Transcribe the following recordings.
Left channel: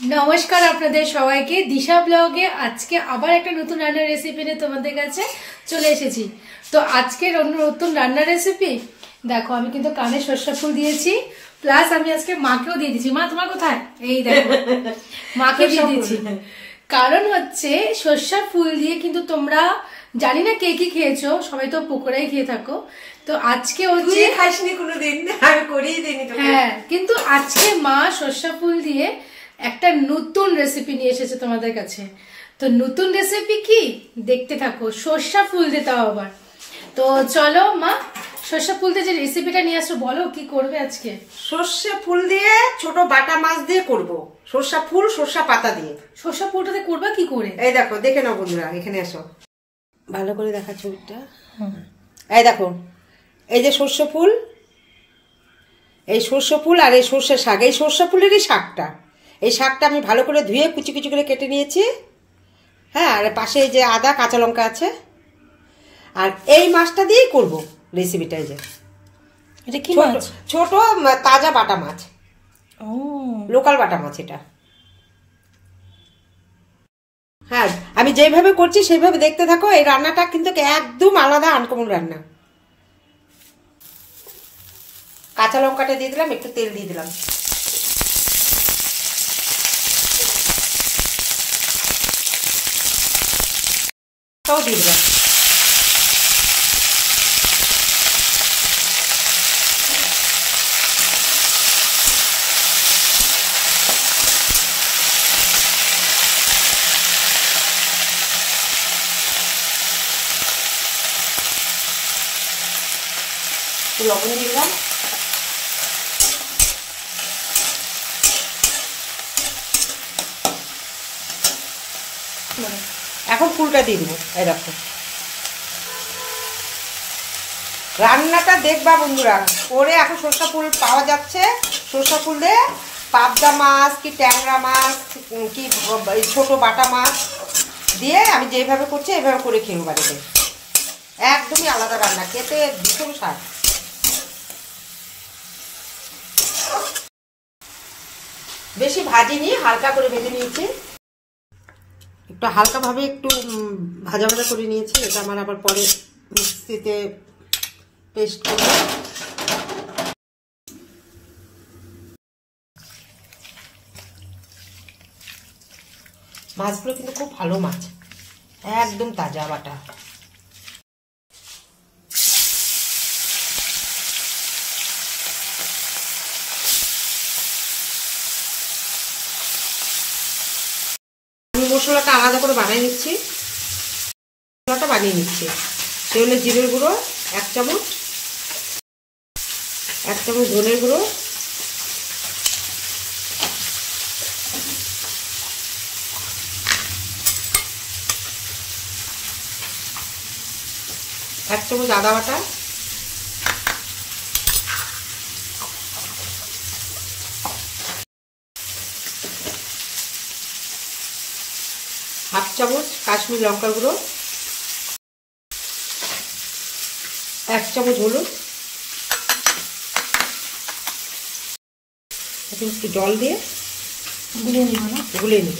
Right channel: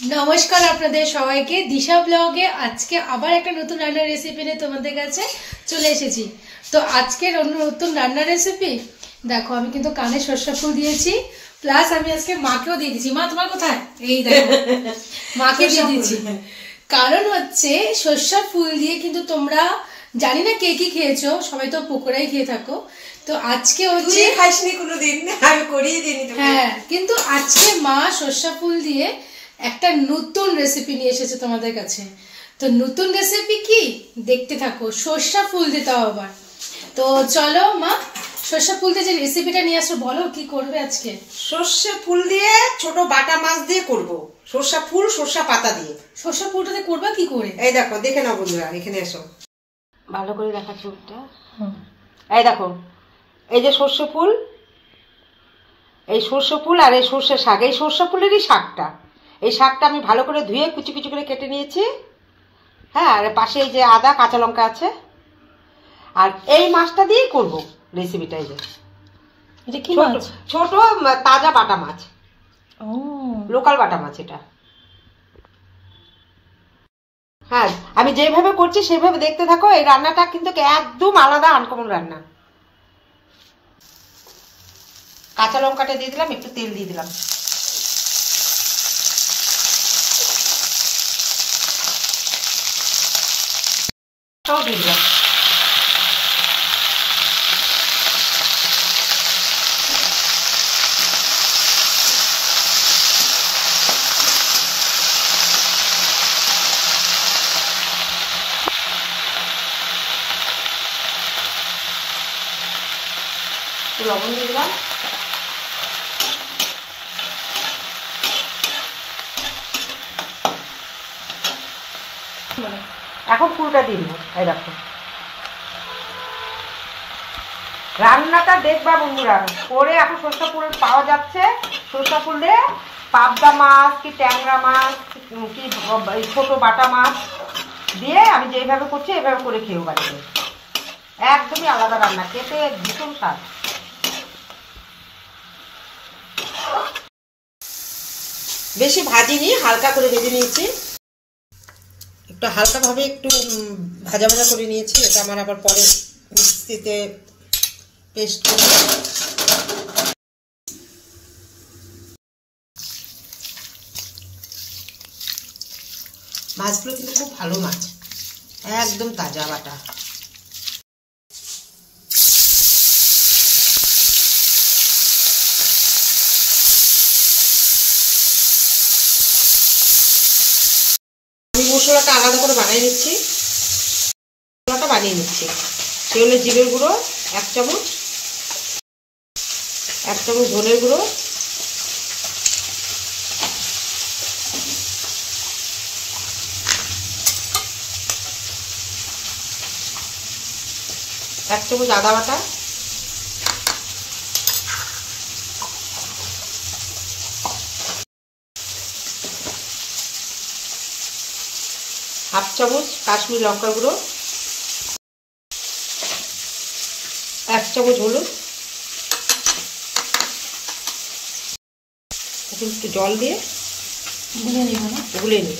নমস্কার আপনাদের সবাইকে দিশা ব্লগে আজকে আবার একটা নতুন রান্নার রেসিপি নিয়ে তোমাদের কাছে চলে এসেছি। তো আজকের নতুন রান্নার রেসিপি দেখো, আমি কিন্তু কানে সরষা ফুল দিয়েছি, প্লাস আমি আজকে মাকেও দিয়ে দিয়েছি। মা তোমার কোথায়? এই দেখো, মাকে দিয়ে দিয়েছি। কারণ হচ্ছে সরষা ফুল দিয়ে কিন্তু তোমরা জানি না কে কি খেয়েছো, সবাই তো পকোড়াই খেয়ে থাকো। তো আজকে হচ্ছে খাসনি কোনোদিন, আমি করিয়ে দিইনি। হ্যাঁ, কিন্তু আজকে মা সরষা ফুল দিয়ে একটা নতুন রেসিপি নিয়ে এসেছে তোমাদের কাছে। তো নতুন রেসিপি কি দেখতে থাকো, সরষা ফুল দিয়ে তাও আবার। তো চলো মা, সরষা ফুল দিয়ে যে রেসিপিটা নিয়ে আসো, বলো কি করবে আজকে। সর্ষে ফুল দিয়ে ছোট বাটা মাছ দিয়ে করব, সর্ষা ফুল সর্ষা পাতা দিয়ে। সরষা ফুলটাতে করবা কি করে? এই দেখো, দেখে নাও বন্ধুরা, এখানে এসো, ভালো করে দেখাচ্ছি ওটা। এই দেখো, এই যে সর্ষে ফুল, এই সর্ষে ফুল আর এই সর্ষে শাক, এই সর্ষে ফুলেরই শাকটা, এই শাকটা আমি ভালো করে ধুয়ে কুচি কুচি করে কেটে নিয়েছি। হ্যাঁ, আর পাশে এই যে আদা কাঁচা লঙ্কা আছে, আর এই মাছটা দিয়েই করব রেসিপিটা। এই যে এটা কি মাছ? ছোট তাজা বাটা মাছ, ও লোকাল বাটা মাছ এটা। হ্যাঁ, আমি যেভাবে করছি সেইভাবে দেখতে থাকো। এই রান্নাটা কিন্তু একদম আলাদা, আনকমন রান্না। কাঁচা লঙ্কাটা দিয়ে দিলাম, একটু তেল দিয়ে দিলাম, তাও দিয়ে দিলাম। লবণ দিয়ে দিলাম, এখন ফুলটা দিয়ে দিব। এই দেখো, রান্নাটা দেখবা বন্ধুরা করে। এখন সরষা ফুল পাওয়া যাচ্ছে, সরষা ফুল দিয়ে পাবদা মাছ কি ট্যাংরা মাছ কি ছোট বাটা মাছ দিয়ে আমি যেভাবে করছি এইভাবে করে খেয়ে বাড়িতে। একদমই আলাদা রান্না, খেতে ভীষণ স্বাদ। বেশি ভাজিনি, হালকা করে ভেজে নিয়েছি, একটু হালকা ভাবে একটু ভাজা ভাজা করে নিয়েছি। এটা আমার আবার পরে মিক্সিতে পেস্ট করব। মাছগুলো কিন্তু খুব ভালো মাছ, একদম তাজা বাটা। আমি মশলাটা আলাদা করে বানিয়ে নিচ্ছি, মশলাটা বানিয়ে নিচ্ছি। সে হলো জিরের গুঁড়ো 1 চামচ, 1 চামচ ধনের গুঁড়ো, 1 চামচ আদা বাটা, 1/2 চামচ কাশ্মীরি লঙ্কা গুঁড়ো, 1 চামচ হলুদ। এখন একটু জল দিয়ে গুলিয়ে নিব না? গুলিয়ে নেব।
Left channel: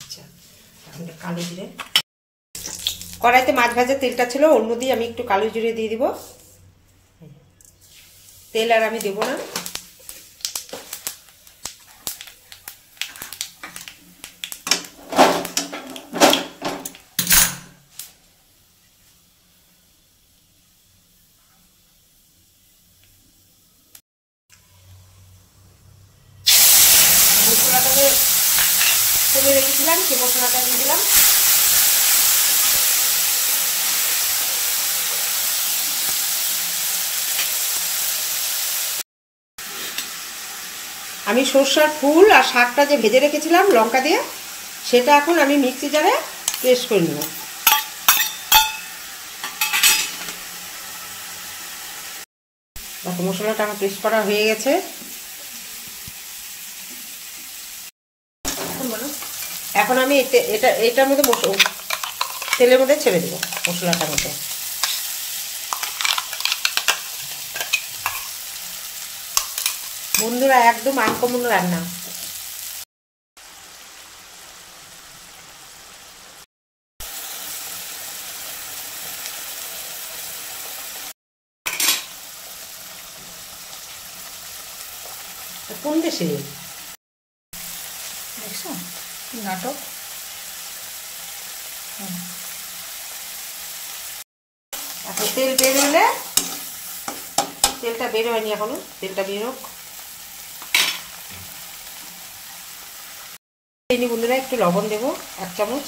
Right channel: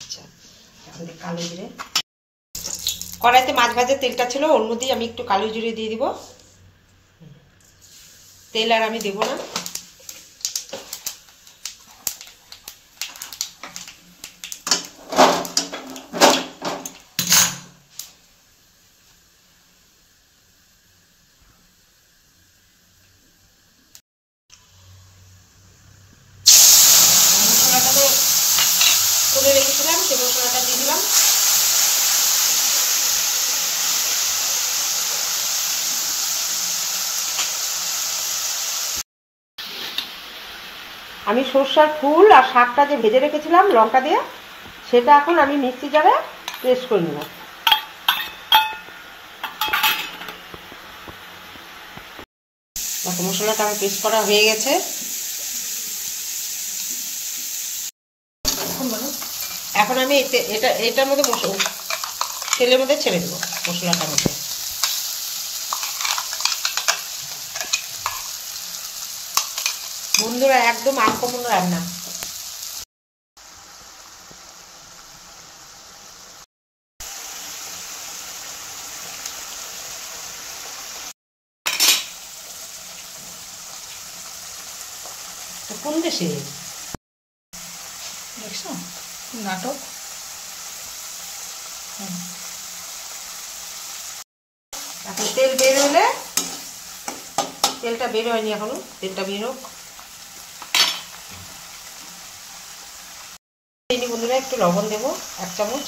আচ্ছা, এখন কালো জিরে, কড়াইতে মাছ ভাজার তেলটা ছিল, ওর মধ্যেই আমি একটু কালো জিরে দিয়ে দিব। তেল আর আমি দেব না। মশলাটাতে করে রেখেছিলাম, সে মশলাটা দিয়ে দিলাম। আমি সরষার ফুল আর শাকটা যে ভেজে রেখেছিলাম লঙ্কা দিয়ে, সেটা এখন আমি মিক্সি জারে পেস্ট করে নেব। দেখো, মশলাটা আমার পেস্ট করা হয়ে গেছে। এখন আমি এটার মধ্যে তেলের মধ্যে ছেড়ে দেবো মশলাটার মধ্যে। বন্ধুরা একদম আনকমন রান্না। কোন দেশে দেখছো নাটক। এখন তেল বের হলে, তেলটা বের হয়নি এখনো, তেলটা বের হোক। বন্ধুরা একটু লবণ দেবো 1 চামচ।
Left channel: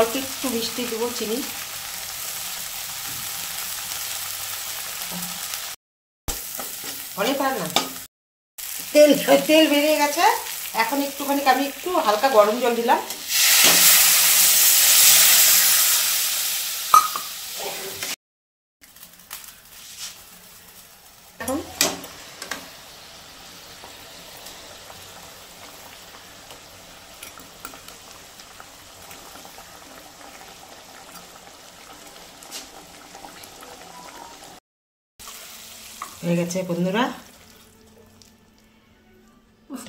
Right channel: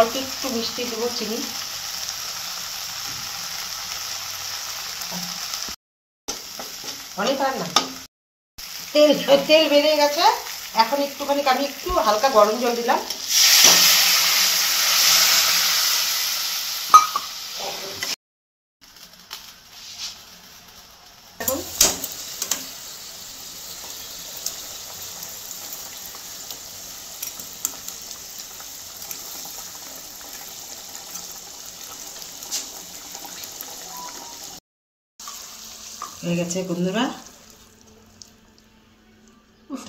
অল্প একটু মিষ্টি দেবো, চিনি। অনেক আর না, তেল বেরিয়ে গেছে। এখন একটুখানি আমি একটু হালকা গরম জল দিলাম। এখন হয়ে গেছে বন্ধুরা।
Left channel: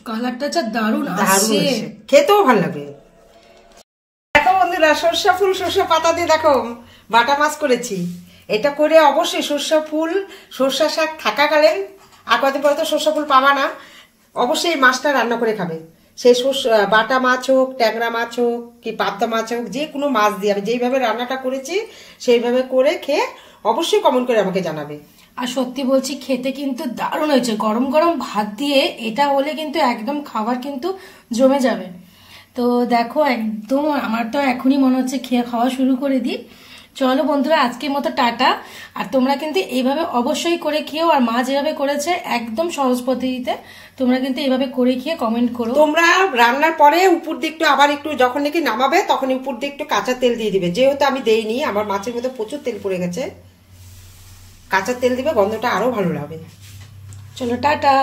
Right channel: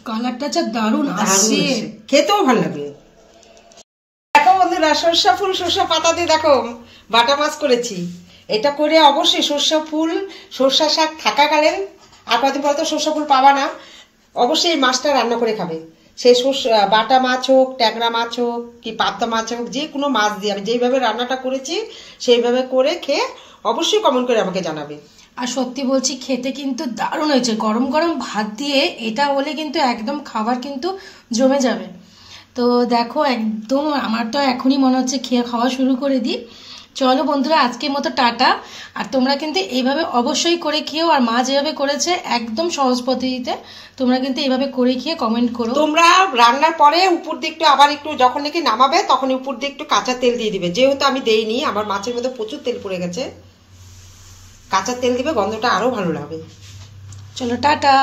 কালারটা যা দারুণ আসছে, খেতেও ভালো লাগে। দেখো বন্ধুরা, সরষা ফুল সরষা পাতা দিয়ে দেখো বাটা মাছ করেছি। এটা করে অবশ্যই সরষা ফুল সরষা শাক থাকাকালীন, আর কদিন পরে তো সরষা ফুল পাবা না, অবশ্যই এই মাছটা রান্না করে খাবে। সেই বাটা মাছ হোক, ট্যাংরা মাছ হোক, কি পাবদা মাছ হোক, যে কোনো মাছ দিয়ে আমি যেইভাবে রান্নাটা করেছি সেইভাবে করে খেয়ে অবশ্যই কমেন্ট করে আমাকে জানাবে। আর সত্যি বলছি, খেতে কিন্তু দারুণ হয়েছে। গরম গরম ভাত দিয়ে এটা হলে কিন্তু একদম খাবার কিন্তু জমে যাবে। তো দেখো একদম আমার তো এখনই মনে হচ্ছে খাওয়া শুরু করে দিই। চলো বন্ধুরা, আজকের মতো টাটা। আর তোমরা কিন্তু এইভাবে অবশ্যই করে খেও। আর মা যেভাবে করেছে একদম সহজ পদ্ধতিতে, তোমরা কিন্তু এইভাবে করে খেয়ে কমেন্ট করো। তোমরা রান্নার পরে উপর দিকটা আবার একটু যখন নাকি নামাবে তখন উপর দিয়ে একটু কাঁচা তেল দিয়ে দিবে। যেহেতু আমি দেইনি, আমার মাছের মধ্যে প্রচুর তেল পড়ে গেছে, কাঁচা তেল দিবে, গন্ধটা আরো ভালো লাগবে। চলো টাটা।